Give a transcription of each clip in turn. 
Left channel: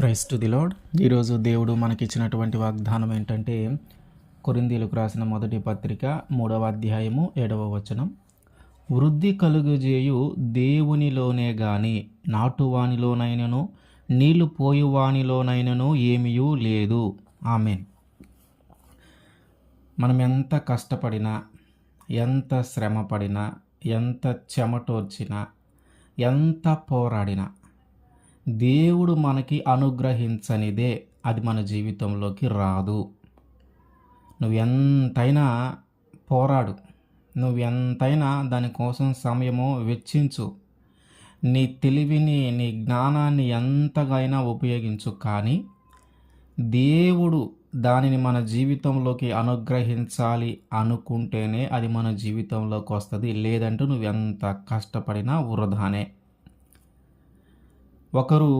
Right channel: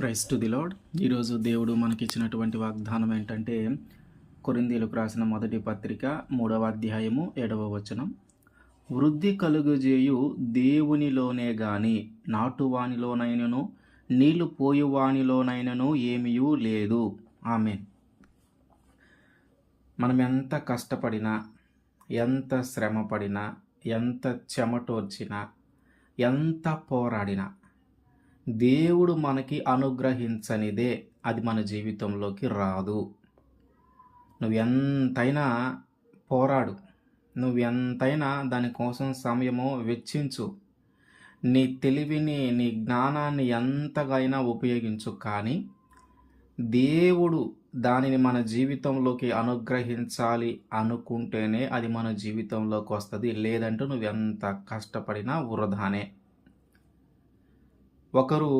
Praise to the lord. ఈరోజు దేవుడు మనకిచ్చినటువంటి వాగ్దానం ఏంటంటే, కొరింథీయులకు రాసిన మొదటి పత్రిక 3వ అధ్యాయము 7వ వచనం. వృద్ధి కలుగజేయు దేవునిలోనే గాని నాటువానిలోనైనను నీళ్లు పోయువానిలోనైనను ఏమీయూ లేదు. ఆమేన్. మనం ఎంత కష్టపడినా, ఎంత శ్రమపడినా, ఎంత చెమటోర్చినా, ఎంత పోరాడినా దేవుడు మనకి అనుగ్రహించనిదే అది మన జీవితంలోకి రాదు. నువ్వెంతైనా పోరాడు, నువ్వెంతైనా దానికోసం సమయము వెచ్చించు, నీ తెలివిని, నీ జ్ఞానాన్ని ఎంతగైనా ఉపయోగించు, కానీ దేవుడు దానిని మన జీవితంలోకి అనుగ్రహించాలి అనుకుంటేనే అది మన జీవితంలోకి వస్తుంది. లేదంటే నువ్వెంత కష్టపడినా వృధానే. ఒకరు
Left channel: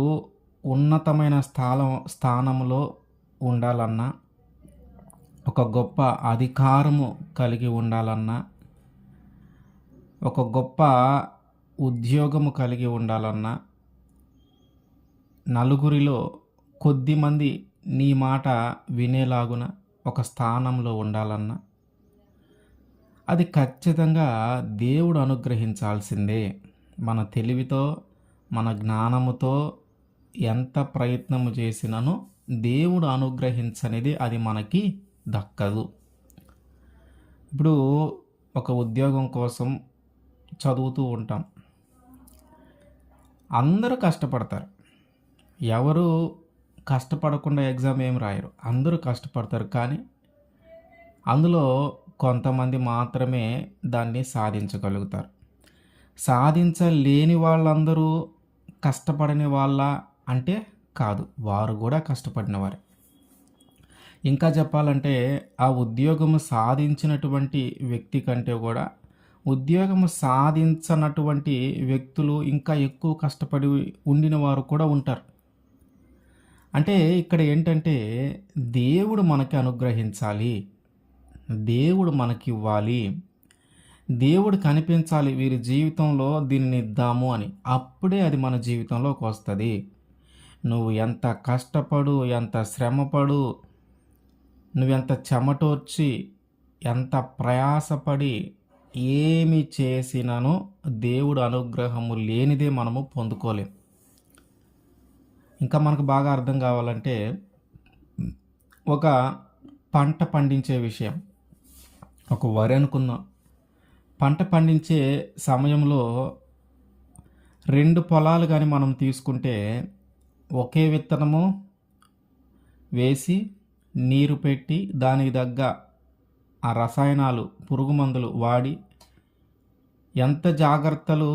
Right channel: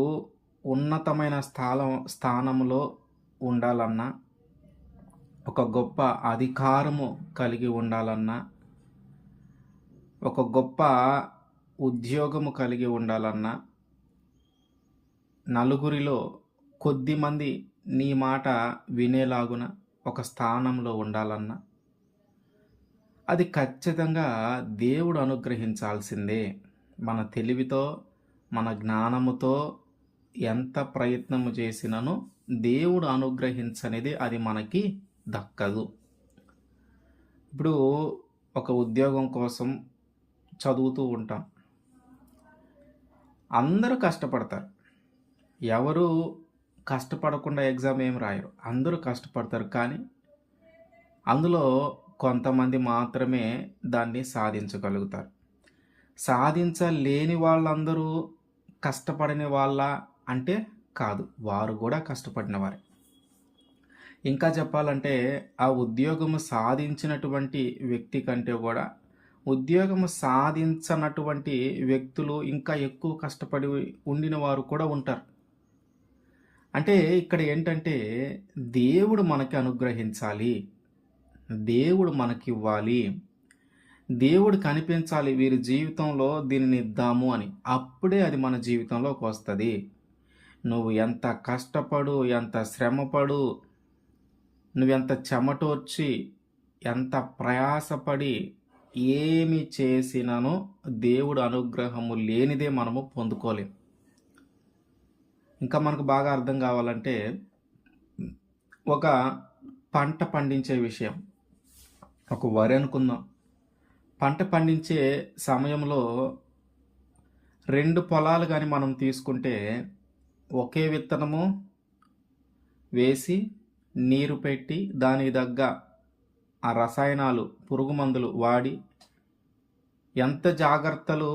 ఉన్నతమైన స్థానంలో ఉండాలన్నా, ఒక గొప్ప అధికారము కలిగి ఉండాలన్నా, ఒక గొప్ప ఉద్యోగము కలిగి ఉండాలన్నా, నలుగురిలో కొద్దిమంది నీ మాట వినేలాగున ఒక స్థానంలో ఉండాలన్నా, అది ఖచ్చితంగా దేవుడు అనుగ్రహించాల్సిందే. మన తెలివితో, మన జ్ఞానముతో ఎంత ప్రయత్నము చేసినను దేవుడు అనుగ్రహించనిది అది మనకి దక్కదు. ఇప్పుడు ఒక ఉద్యోగం కోసం చదువుతూ ఉంటాం. అందరూ కష్టపడతారు. ఎవరు కష్టపడకుండా ఎగ్జామ్ ఏం రాయరు. అందరూ కష్టపడతారు, కానీ అందులో కొంతమంది మాత్రమే దాన్ని సాధించగలుగుతారు. సాధించలేని వాళ్ళందరూ కష్టపడని వాళ్ళ అంటే కాదు, వారు కూడా కష్టపడినవారే. ఇంకా చెప్పాలంటే ఆ ఉద్యోగము సాధించినటువంటి వ్యక్తి కంటే కూడా ఉద్యోగము సాధించనటువంటి వ్యక్తులు ఇంకా ఎక్కువ కష్టపడి ఉండిన వారు కూడా ఉంటారు. అంటే ఇక్కడ ఏంటంటే దేవుడు మనకి అనుగ్రహించాలి, దేవుడు మనకి ఇవ్వాలి, దేవుడు కనిపించాలి, వీరి జీవితంలో దీనిని ఇద్దాము అని. అప్పుడే అది మన జీవితంలోకి వస్తుంది. నువ్వు ఎంత కష్టపడు, ఎంత శ్రమపడు, నువ్వెంత చెమటోర్చి, ఎంత ప్రయాసపడి ఏమి చేసినను దేవుడు అనుగ్రహము లేనిదే మనము పొందుకోలేం. ఇంకా మనకు బాగా అర్థం కావాలంటే, ఒక పంట పండించే విషయం, ఒక వరి అనుకుందాం. పంట పండించే సమయంలో 2 పొలాలు కానీ మనం తీసుకుంటే, ఒకే విత్తనము వేసి నీరు పెట్టి దానికి తగ్గ ఆ రసాయనాలు, పురుగు మందులు వాడి ఎంత జాగ్రత్తలు,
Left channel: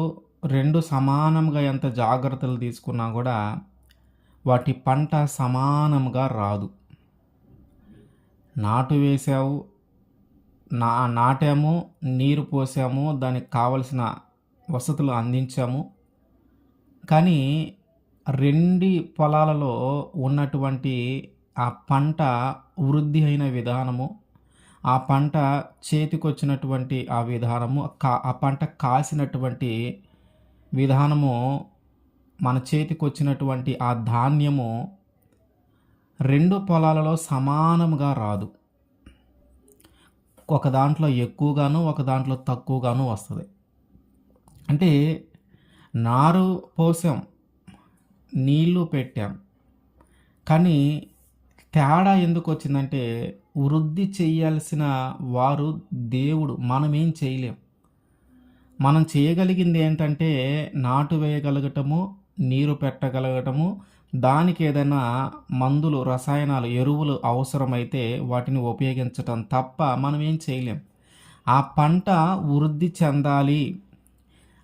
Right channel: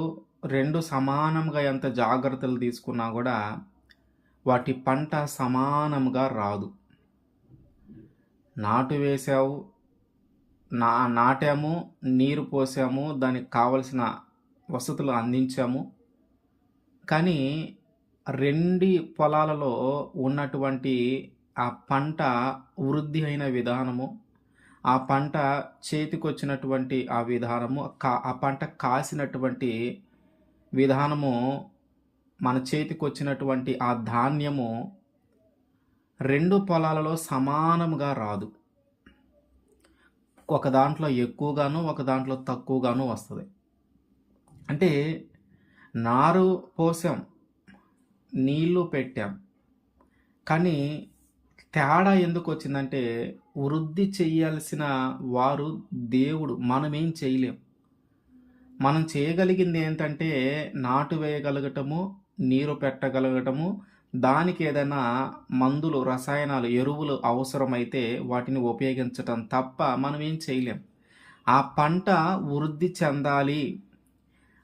2 సమానంగా ఎంత జాగ్రత్తలు తీసుకున్నా కూడా వాటి పంట సమానంగా రాదు. నాటు వేసావు, నాటాము, నీరు పోసాము, దానికి కావలసిన వసతులు అందించాము, కానీ 2 పొలాలలో ఉన్నటువంటి ఆ పంట వృద్ధి అయిన విధానము, ఆ పంట చేతికొచ్చినటువంటి ఆ విధానము, ఆ పంట కాసినటువంటి విధానము, మన చేతికొచ్చినటువంటి ఆ ధాన్యము 2 పొలాలలో సమానంగా రాదు. ఒక దాంట్లో ఎక్కువగాను, ఒక దాంట్లో తక్కువగాను వస్తుంది. అంటే నారు పోసాం, నీళ్లు పెట్టాం, కానీ తేడా ఎందుకు వచ్చిందంటే వృద్ధి చేయాల్సిన వారు దేవుడు, మనమేం చేయలేం. మనం చేయగలిగింది ఏంటంటే నాటు వేయగలగటము, నీరు పెట్టగలగటము, దానికి ఏదైనా మందులు, రసాయనాలు, ఎరువులు అవసరమైతే వాటిని ఉపయోగించటం తప్ప మనం ఏం చేయలేం. ఆ పంట వృద్ధి చెందాలి,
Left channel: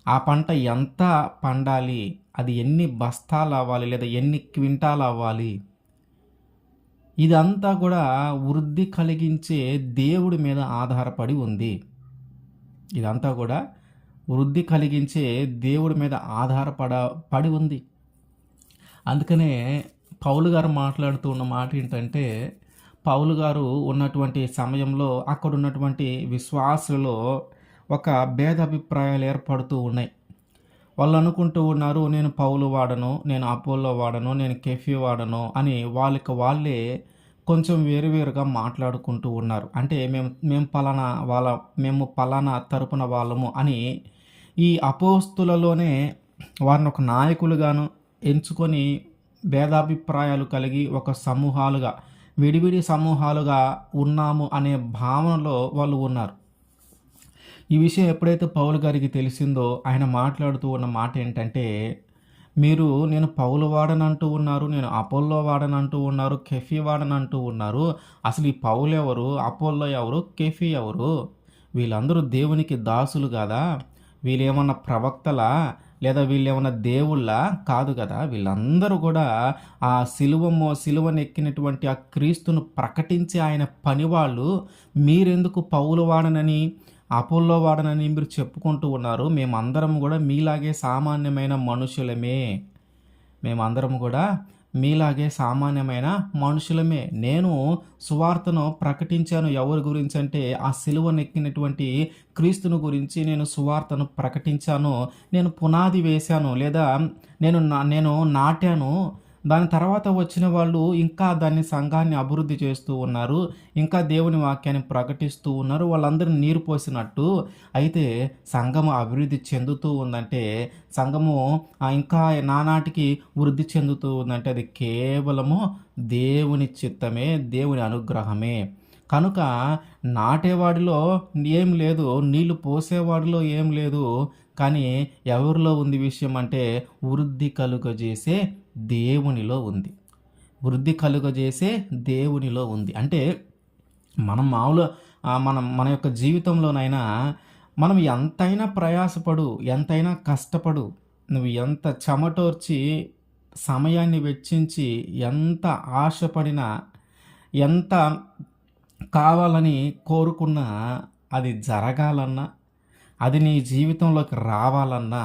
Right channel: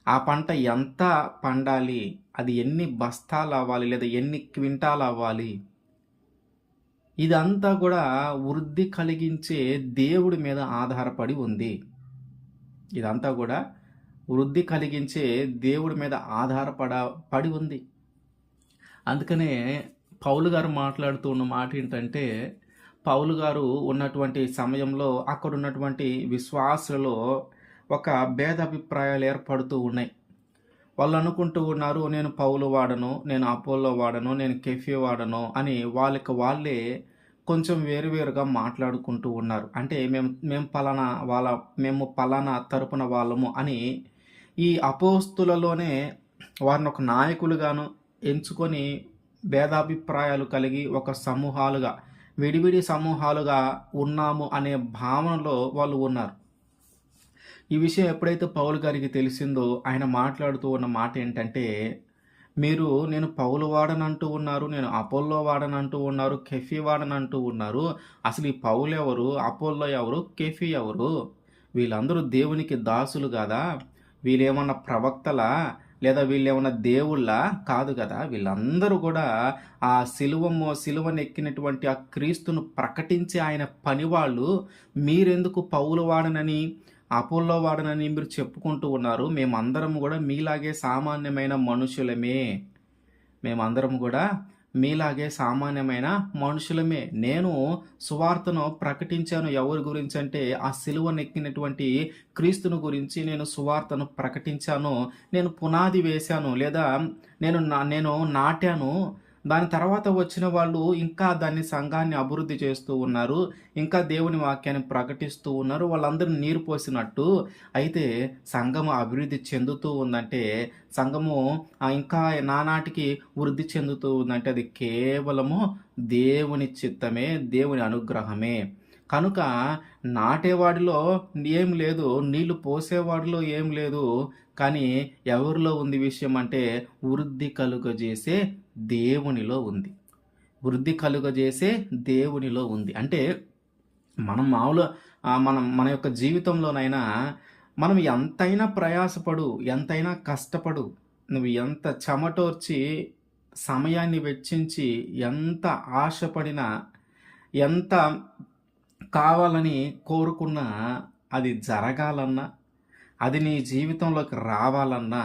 ఆ పంట ఎంత పండాలి, అది ఎన్ని బస్తాలు అవ్వాలి, లేదా ఎన్ని క్వింటాలు అవ్వాలి, ఇదంతా కూడా వృద్ధి కలిగించే దేవుడి మీద ఆధారపడి ఉంది. ఇదంతా కూడా వృద్ధి కలిగించే దేవుడి మీద ఆధారపడి ఉంది. అందుకనే పౌలు గారు మాట్లాడుతూ ఉన్న మాట ఏంటంటే, పౌలు గారు ఉన్నటువంటి సమయంలో అక్కడ ఉన్నటువంటి విశ్వాసులలో ఒక భేదాభిప్రాయాలు ఏర్పడుతూ ఉన్నాయి. వాళ్ళు అనుకుంటూ ఉన్నారు, నేను పౌలు వాడను, నేను అపోల్లో వాడను, నేను కెఫీ వాడను అని వాళ్ళకి వాళ్ళే కొంచెం వేరువేరుగా మాట్లాడుకుంటూ ఉన్నారు. అంటే మేము పలానా మేము పలానా తరపున వాళ్ళము అని ఈ అపోస్తులలోనే వారిని ఒక నాయకులుగాను ఎంచుకొని భేదాభిప్రాయాలు కలిగి ఒక సమూహాలుగా, విడివిడి సమూహాలుగా ఉన్నాము అనే భావనలో వాళ్ళు ఉన్నారు. ఈ విషయం ఎప్పుడైతే పౌలు గారికి తెలిసిందో ఆయన మాట్లాడుతూ ఉన్న మాట ఏంటంటే, మీరు నేను పౌలు వాడనంటూ ఉన్నారు, నేను అపోల్లో వాడనంటూ ఉన్నారు, కెఫీ వాడనంటూ ఉన్నారు. అసలు ఈ పౌలు ఎవరు, అపోల్లో ఎవరు, కెఫీ ఎవరు? వీళ్ళందరూ దేవునికి దాసులు కాదా? వీళ్ళేమన్నా ప్రవక్తలా? లేదా వీళ్ళేమన్నా దేవుళ్ళా? కాదు కదా! వీళ్ళందరూ కూడా ఆ సిలువనెక్కినటువంటి ఆ క్రీస్తును ప్రకటించే ఆయన పనివాళ్ళు. మీరెందుకు పౌలు వాడనని, అపోల్లో వాడనని మీరు చెప్పుకుంటూ ఉన్నారు. మేమందరం గూడా మీలాగే సామాన్యమైన మనుషులమే. మేమందరం గూడా మీలాగే సామాన్యమైన మనుషులమే. నేను సువార్తను ప్రకటించాను ఎవరి గురించంటే, ఆ సిలువనెక్కినటువంటి క్రీస్తును గురించి నేను సువార్తను ప్రకటించాను. నేను పునాది వేశాను. లేదా నేను నాటాను. దాని తర్వాత వచ్చిన వాళ్ళు ఇంకా దాన్ని సంఘాన్ని అభివృద్ధి చేస్తూ ఉన్నారు. ఇంకా దేవుని వాక్యాన్ని ప్రకటిస్తూ ఉన్నారు. వాళ్ళందరూ నీరు పోసినట్టు. అయితే సంఘము అభివృద్ధి చెందుతూ ఉందంటే, సంఘము ఇంకా నానాటికి వృద్ధి చెందుతూ ఉందంటే అది కేవలము దేవుని చిత్తమే, దేవుని అనుగ్రహమే. కనుక నాటేవాడిలో ఏం లేదు, నీళ్లు పోసేవాడిలో ఏం లేదు. కానీ ఎవరిలో ఉంది విషయం అంటే వృద్ధి కలుగజేసే దేవునిలో ఉంది. వృద్ధి కలుగజేసే దేవునిలో ఉంది. అంటే మనం మామూలు మన యొక్క జీవితంలోనైనా మనం ఎంతైనా ప్రయాసపడు, ఎంతైనా కష్టపడు, నువ్వు ఎంత చెమటోర్చి, సమయాన్ని వెచ్చించి, ఎంత ఆశపడినా, ఎంత కావాలని కోరుకున్నా అది జరగాలన్నా, అది నీ జీవితంలోకి రావాలన్నా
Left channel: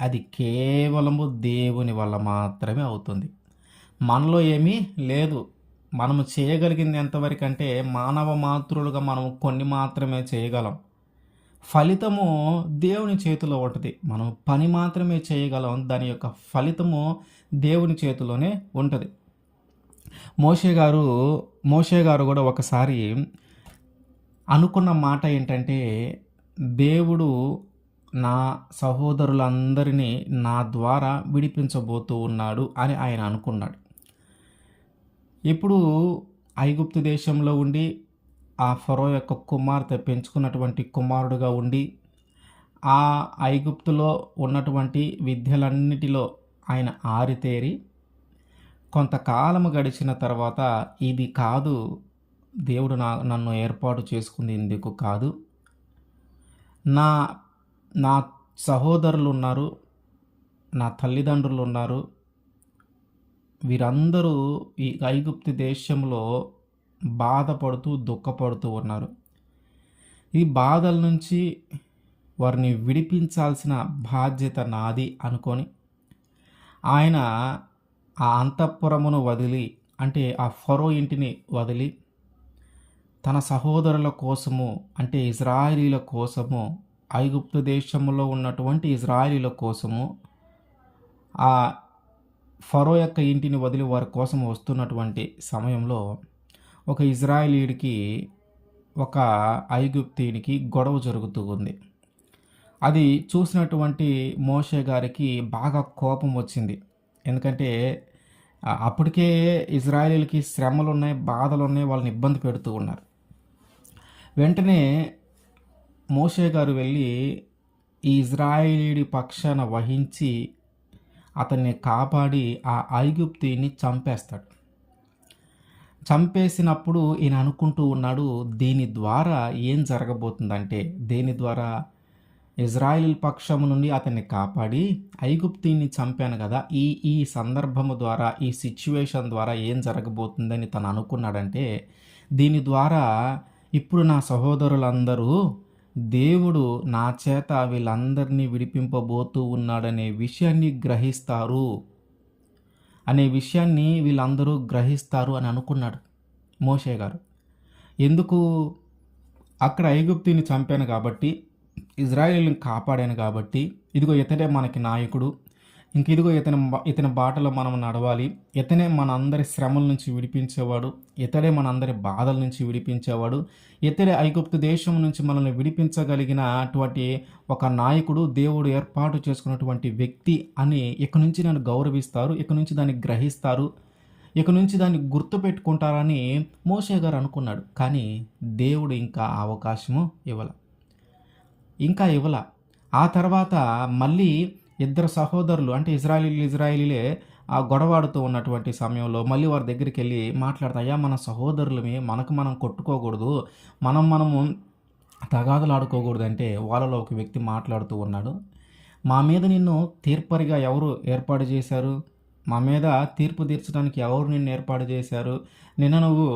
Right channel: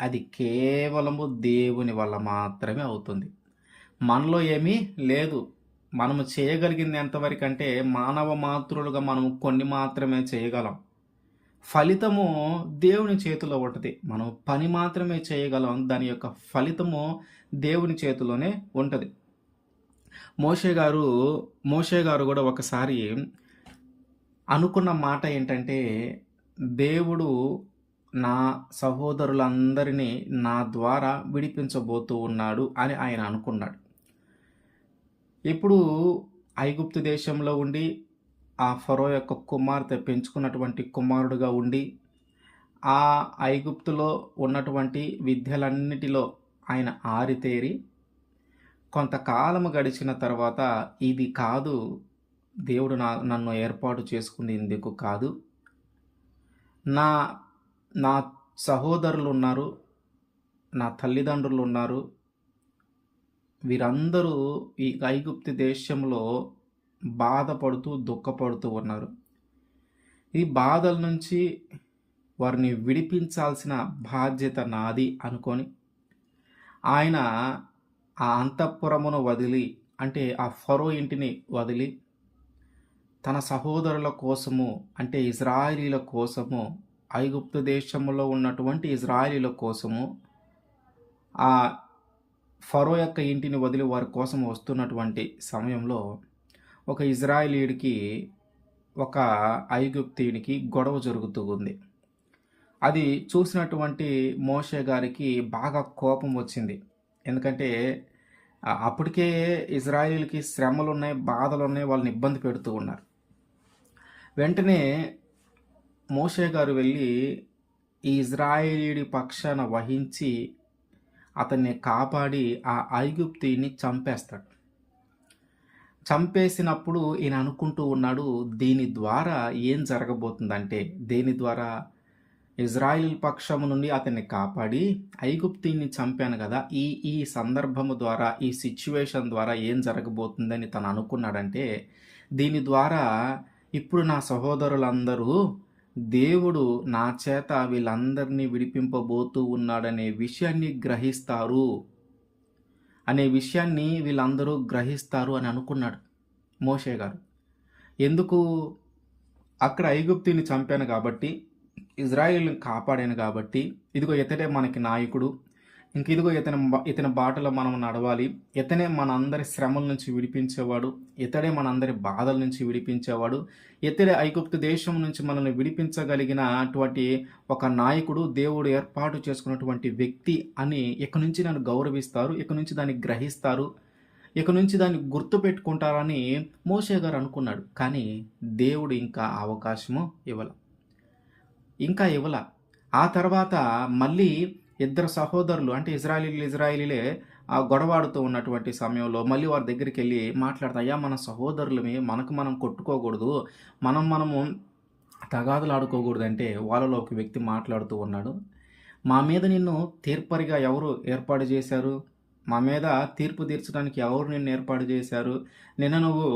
అది కేవలము దేవుని వల్ల మాత్రమే అవుతుంది. మనలో ఏమీ లేదు. మనము చేయగలిగింది ఎంతవరకంటే మానవ మాతృలుగా మనం కొన్ని మాత్రమే చేయగలం. ఫలితము దేవుని చేతిలో ఉంటది. మనం పని మాత్రమే చేయగలం. దాని యొక్క ఫలితము దేవుని చేతిలోనే ఉంటది. మోషే గారు మోషే గారు కూడా ఒకసారి అనుకున్న మాట ఏంటంటే, దేవుడు నా సహోదరులందరినీ నా ద్వారా విడిపించబోతూ ఉన్నాడు అని ఆయన అనుకున్నాడు. ఇప్పుడు ఐగుప్తు దేశంలో ఉండి ఆ ఫరో యొక్క కుమార్తె పెంచుకున్నటువంటి కుమారుడుగా ఉండి ఆ ఐగుప్తులో ఉన్నటువంటి విద్యలన్నిటిలో ఆయన ఆరితేరి కొంతకాలము గడిచిన తర్వాత ఇది కాదు, దేవుడు నన్ను ఏర్పాటు చేసుకుంది ఇందుకు కాదు, నా నా సహోదరులు ఉన్నారు, నా తల్లిదండ్రులు ఉన్నారు, వీరందరూ ఈ ఐగుప్తు దేశంలో బాధపడుతూ దుఃఖపడుతూ ఉన్నారు. ఈ బాధల నుంచి వారిని విడిపించాల్సిన బాధ్యత నాది అనుకొని ఆయన ఆ అంతఃపురమును వదిలి, అంటే ఆ ఫరో ఇంటిని వదిలి తన సహోదరుల కోసము, అంటే ఇజ్రాయేలీల కోసము, ఐగుప్తు దేశంలో ఉన్నటువంటి ఇజ్రాయేలీల కోసము ఆ ఫరో యొక్క ఇంటిని వదిలి వారి కోసం వస్తున్నటువంటి సమయంలో ఒక ఇజ్రాయేలీయుడికి ఒక ఐగుప్తీయునికి గొడవ జరుగుతూ ఉంది. అది చూసినటువంటి మోషే గారికి బాగా కోపం వచ్చింది. ఎందుకంటే అప్పటికే ఇజ్రాయేలీలకి శ్రమలున్నాయి, బాధలున్నాయి, వాళ్ళని ఇబ్బంది పెడుతూ ఉన్నారు. వెంటనే మోషే గారు వెళ్ళి ఈ ఇజ్రాయేలీయుడి పక్షాన వహించి అతన్ని కాపాడి ఆ ఐగుప్తీయుని చంపేస్తాడు. చంపేసినప్పుడు ఈయన అనుకుంటూ ఉన్నాడు, దీని ద్వారా ఏం జరగబోతుందంటే, దీని ద్వారా ఇజ్రాయిల్ పక్షము నుండి అతన్ని కాపాడి ఐగుప్తీయుని చంపాను కదా, ఈ సందర్భము ద్వారా, ఈ సిచ్యువేషన్ ద్వారా ఏం జరగబోతుందని తను అనుకున్నాడంటే, దీని ద్వారా ఇప్పుడు నా సహోదరులందరూ దేవుడు నా చేత వీళ్ళందరినీ విడిపింపబోతూ ఉన్నాడనే విషయాన్ని గ్రహిస్తారు, అనే విషయాన్ని వీళ్ళందరూ గ్రహిస్తారు అని అనుకున్నాడు మోషే గారు. ఎందుకు? అక్కడ ఐగుప్తీయుని చంపాను కాబట్టి ఇజ్రాయేలుని కాపాడాను కాబట్టి ఇదిగో ఇతడే మనకి నాయకుడు. ఇంక ఇదిగో ఇతని బాటలో మనం నడవాలి. ఇతనే మనందరి శ్రమల నుంచి విడిపించేవాడు. ఇతడే మనందరి బాధల నుంచి విడిపించేవాడు. ఇతడే ఐగుప్తు దేశం నుంచి మనల్ని విడిపించగలిగిన అటువంటి ఒక నాయకుడు, దేవుడు ఏర్పాటు చేసుకున్నటువంటి వ్యక్తి అని ఇక నుంచి నన్ను గౌరవిస్తారు. ఇక నుంచి దాన్ని గ్రహిస్తారు. ఇక నుంచి దాన్ని గుర్తుపెట్టుకుంటారని మోషే గారు అనుకున్నాడు. కానీ దేవుడు ఇంకా ఆ అవకాశము ఇవ్వల. ఆ తర్వాత మళ్ళీ ఇద్దరు సహోదరులు అంటే ఇజ్రాయిలీలే ఆ గొడవాడుతూ ఉన్నటువంటి సమయంలో మళ్ళీ వారి దగ్గరికి వెళ్ళి మాట్లాడతా, అయ్యా మన సహోదరులమే, మనకు మనం కొట్టుకోకూడదు, మనము తగాదులు ఆడుకోకూడదు అంటే వాళ్ళలో ఒక వ్యక్తి మాట్లాడుతూ ఉన్నాడు. మా మీద నిన్ను తీర్పరిగా ఎవరు ఏర్పాటు చేశారు? మా మీద తీర్పు తీర్చడానికి ఎవరు నిన్ను ఏర్పాటు చేశారు? నిన్న నువ్వు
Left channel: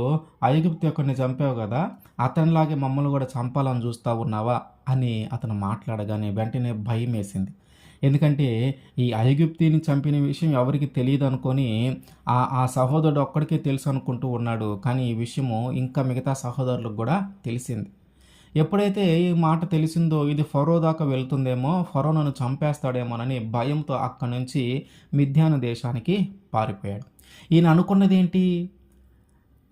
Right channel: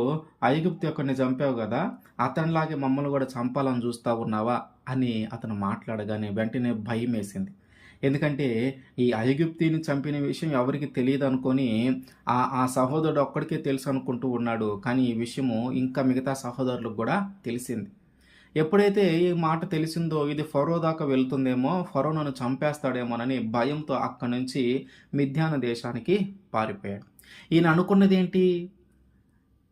ఐగుప్తు యొక్కడిని చంపావు కదా, అతనిలాగే మమ్మల్ని కూడా చంపాలని చూస్తా ఉన్నావా అని అతను మాట్లాడగానే వెంటనే భయం వేసింది. ఎందుకంటే ఈ ఐగుప్తిని చంపిన విషయం ఎవరికి తెలియదు అనుకొని ఆ సహోదరుడు ఒక్కడికే తెలుసు అనుకుంటూ ఉన్నాడు. కానీ ఈ విషయము ఇంకా మిగతా సహోదరులకు కూడా తెలిసింది. ఎప్పుడైతే ఈ మాట తెలిసిందో ఇది ఫరో దాకా వెళ్తుందేమో, ఫరో నన్ను చంపేస్తాడేమోనని భయంతో అక్కడి నుంచి మిద్యాను దేశానికి పారిపోయాడు. ఈయన అనుకున్నది ఏంటి?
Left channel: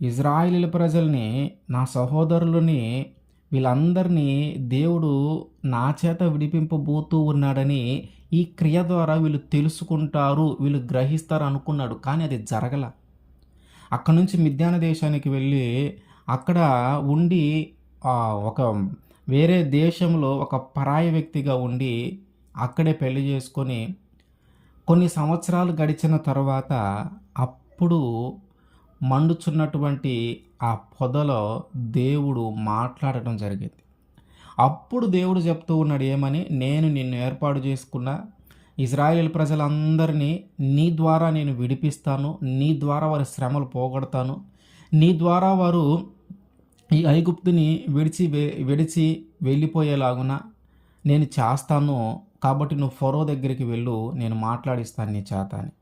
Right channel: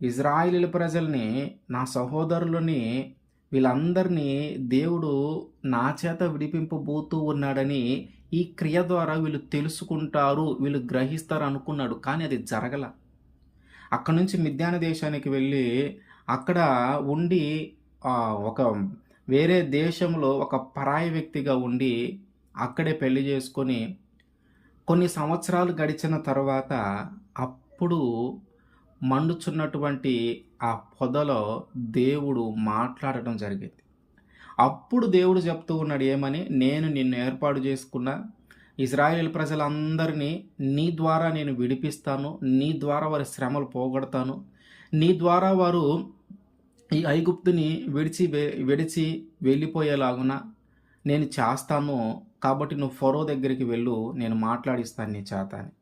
ఇజ్రాయేలు ప్రజల్ని, నా సహోదరులని, వీళ్ళందరినీ దేవుడు నా చేత విడిపింపబోతూ ఉన్నాడని ఈ క్రియ ద్వారా వీళ్ళు తెలుసుకుంటారు, వీళ్ళు గ్రహిస్తారు అనుకున్నాడు. కానీ అది జరగల. అక్కడి నుంచి మిద్యాను దేశానికి వెళ్ళి అక్కడ ఉండి ఒక వేరే దేశంలో ఒక పరాయి వ్యక్తిగా ఉండి అక్కడే పెళ్లి చేసుకొని కొన్ని సంవత్సరాలు గడిచిన తర్వాత అప్పుడు మండుచున్నటువంటి ఆ పొదలో దేవుడు మాట్లాడటం జరిగింది. అప్పుడు దేవుడు చెప్తూ ఉన్నాడు ఏమని, నేను నిన్ను ఏర్పాటు చేసుకున్న ఇజ్రాయేల్ ప్రజలందరినీ నీ ద్వారా నేను విడిపిస్తాను, నీ ద్వారా వారి శ్రమలు పోగొడతాను, నీ ద్వారా వారు ఈ ఐగుప్తుని విడిచి వెళ్ళిపోయేలాగున నేను చేస్తాను. కాబట్టి నువ్వు ఫరో దగ్గరికి వెళ్ళు, నేను మాట్లాడిస్తాను నీ చేత అని.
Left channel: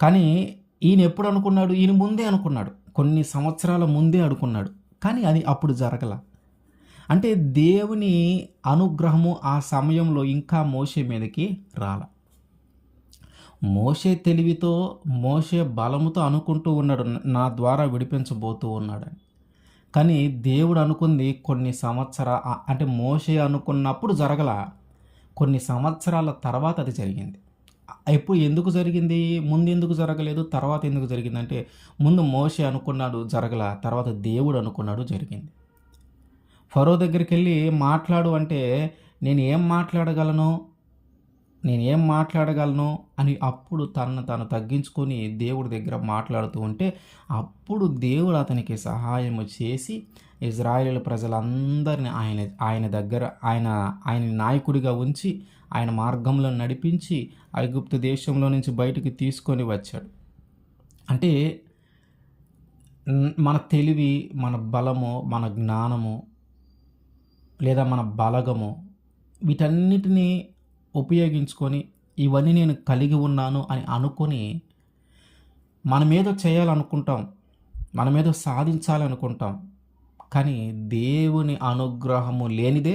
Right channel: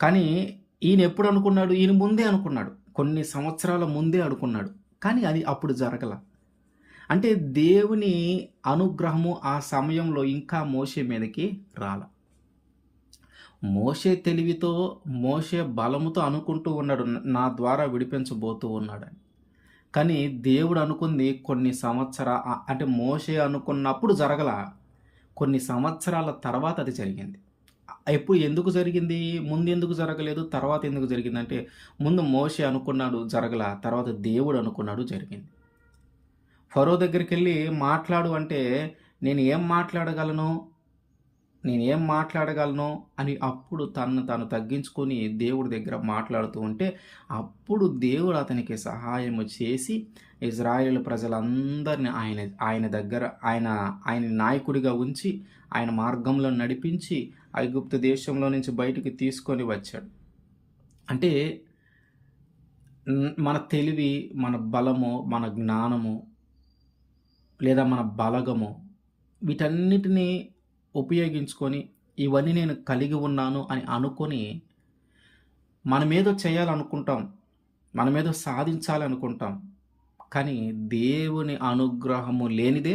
కానీ ఈయన ఎప్పుడు అనుకున్నాడు? ఈయన ముందే అనుకున్నాడు, కొన్ని సంవత్సరాల ముందే అనుకున్నాడు. కానీ అది అప్పుడు జరగల. అంటే దేవుని అనుగ్రహము ఆ సమయంలో ఇంకా మోషే మీదకి రాల. మోషే తెలివితో, మోషే బలముతో అనుకుంటూ ఉన్నాడు నా ద్వారా విడిపించబోతూ ఉన్నాడని. కానీ దేవుడు అనుకుంది కొన్ని అంటే మోషే అనుకున్నప్పుడు జరగల, కొన్ని సంవత్సరాల తర్వాత అది జరిగింది. ఎందుకు జరిగింది? ముందు ఎందుకు జరగలేదు, తర్వాత ఎందుకు జరిగిందంటే, ముందు మోషే అనుకున్నాడు జరగల, తర్వాత దేవుడు అనుకున్నాడు జరిగింది. ఫరో దగ్గరికి వెళ్ళి మాట్లాడు అంటే నేను ఏం మాట్లాడగలను అని అప్పుడు తను తగ్గించుకొని దేవుడి దగ్గర మాట్లాడుతూ ఉంటే అప్పుడు దేవుడు అతనికి సహాయము చేసి ఇజ్రాయేల్ ప్రజలందరినీ ఆయన దగ్గర ఆయన నాయకుడిగా ఉంచి ఆయన మార్గంలో నడిపించి ఐగుప్తు దేశంలో నుంచి బయటికి తీసుకొని వచ్చాడు. అంటే మన తెలివి, మన బలము, మన జ్ఞానము లేదా మన బలగము వీటన్నిటినీ ఉపయోగించుకొని ఇవన్నీ నేను కలిగి ఉన్నాను అని అనుకొని మనమేదో చేయాలనుకుంటాం, మనమేదో సాధించాలనుకుంటాం. కానీ దేవుని అనుగ్రహము లేనిదే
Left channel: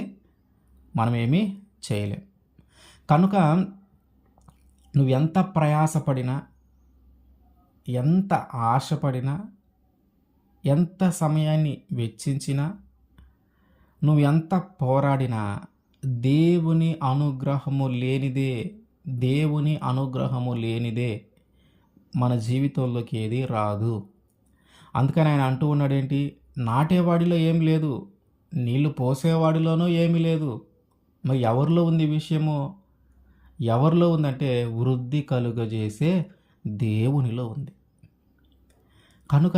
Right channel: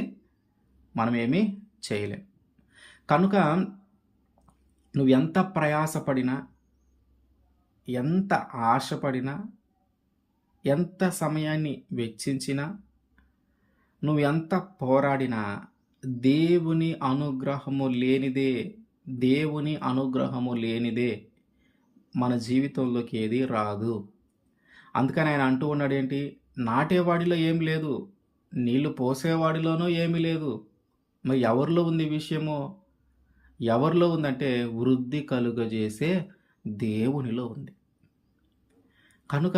మనమేమీ చేయలేం. కనుక నువ్వు ఎంత ప్రయాసపడినా, ఎంత ఆశపడినా, ఎంత సమయాన్ని వెచ్చించినా, నువ్వు ఎంత పోరాడినా దేవుని అనుగ్రహము లేనిదే మన జీవితంలోకి ఏది రాదు. అందుకని ఆయన అంటూ ఉన్నాడేంటి, నాటేవాడిలో ఏం లేదు, నీళ్లు పోసేవాడిలోనూ ఏమీ లేదు, మరి ఎవరిలో ఉంది విషయము? ఎవరిలో ఉందంటే వృద్ధి కలుగజేసే దేవునిలో ఉంది. కనుక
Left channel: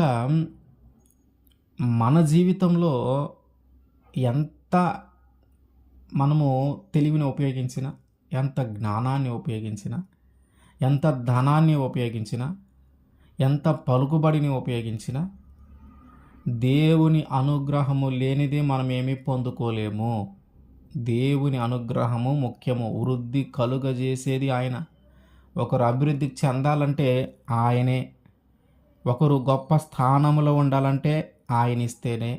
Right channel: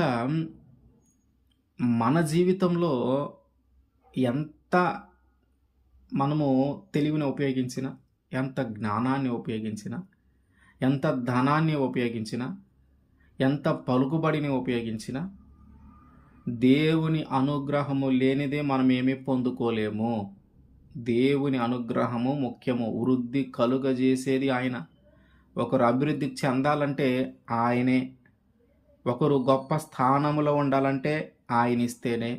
మన జీవితంలో ఎంత మనము తెలివిని ఉపయోగించినా, ఎంత జ్ఞానాన్ని ఉపయోగించినా, ఎంత ధనాన్ని ఉపయోగించినా, ఎంత పలుకుబడిని ఉపయోగించినా దేవుని అనుగ్రహము లేనిదే మనమేమీ పొందుకోలేము. దేవుని అనుగ్రహము ముఖ్యము. వృద్ధి కలుగజేసేది ఆయన. ఒకరు అభివృద్ధి చెందాలంటే ఆయనే. ఒకరు గొప్ప స్థానంలో ఉండాలంటే ఆయన ఇస్తేనే.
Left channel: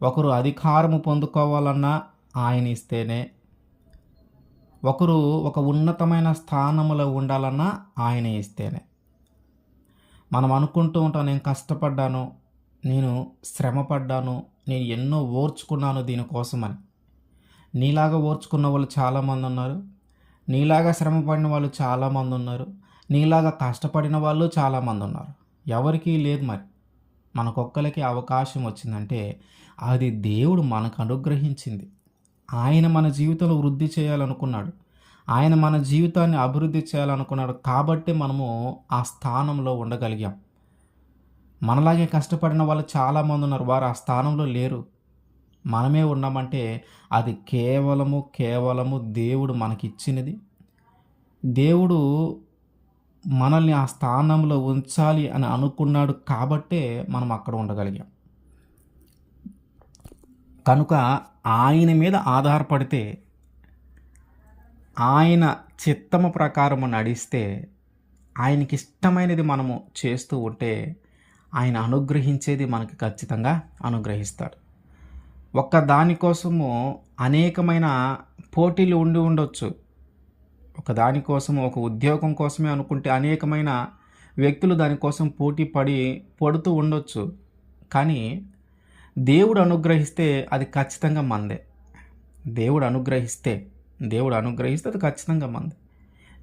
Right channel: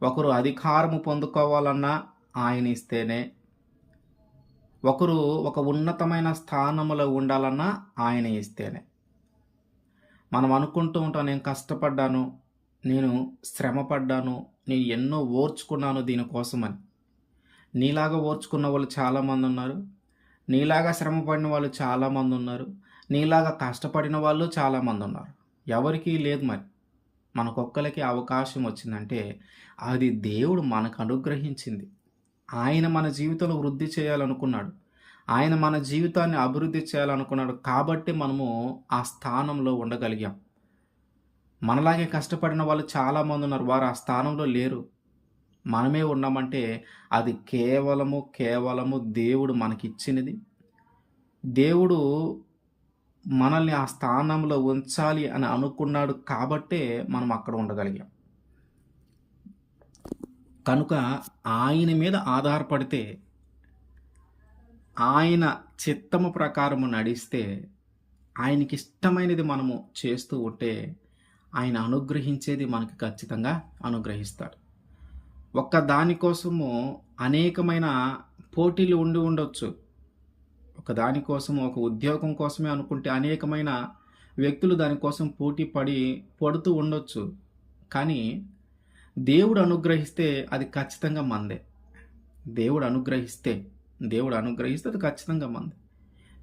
ఒకరు అధికారము పొందుకోవాలన్నా ఆయన ఇస్తేనే, ఒకరు ఒక ఉన్నతమైన స్థానంలో ఉండాలన్నా ఆయన ఇస్తేనే. మనం అనుకుంటూ ఉంటాం, నేను కష్టపడ్డాను, నేను శ్రమపడ్డాను, నేను ఎన్నో ఓర్చుకున్నాను దీనికోసమని. నీలాగా ఓర్చుకున్న వాళ్ళు చాలామందున్నారు. నీలాగా శ్రమపడిన వాళ్ళు చాలామందున్నారు. నీలాగా కష్టపడిన వాళ్ళు చాలామందున్నారు. ఎవరికీ లేదు మరి. మనకొక్కళ్ళకి అవకాశం వచ్చిందంటే అది దేవుడు మనకు అనుగ్రహించింది. ఆయన మన జీవితంలో వృద్ధి చేయాలనుకున్నాడు. ఆయన మన జీవితాన్ని అభివృద్ధి చేయాలనుకున్నాడు. కాబట్టే మనము ఆ స్థానంలో ఉండగలిగాం. మనలాగే కష్టపడిన వాళ్ళు చాలామందున్నారు. వారు ఆ స్థానంలో లేరు. మనమే ఉన్నామంటే అది కేవలము దేవుడు మనకిచ్చినది. దేవుడు మనల్ని ఆ స్థానంలో ఉంచాలి అని అనుకున్నాడు కాబట్టే మనం అక్కడ ఉండగలిగాం. కనుక ఆయన మీద ఆధారపడితే, ఆయన చిత్తము ప్రకారము నడిస్తే, ఆయనకిష్టమైనది మనము చేస్తూ ఉంటే, ఆయన అనుగ్రహించేది మనకి ఖచ్చితంగా అనుగ్రహిస్తాడు. ఒక్క దానికోసము అనేకమైన పోటీలు ఉండి ఉండొచ్చు. ఒక దానికోసం, ఒక ఉద్యోగం కోసమే అనుకుంటే అనేకమైన వ్యక్తులు దానికోసం పోటీ పడుతూ ఉండొచ్చు. కానీ దేవుడు అనుగ్రహిస్తే అది ఖచ్చితంగా మనదే. దేవుడు అనుగ్రహిస్తే అది ఖచ్చితంగా మనదే.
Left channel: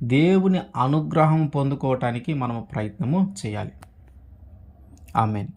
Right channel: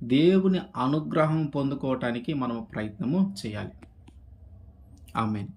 దేవుని అనుగ్రహం పొందుకోవటానికి మనము ప్రయత్నము చేయాలి. ఆమేన్.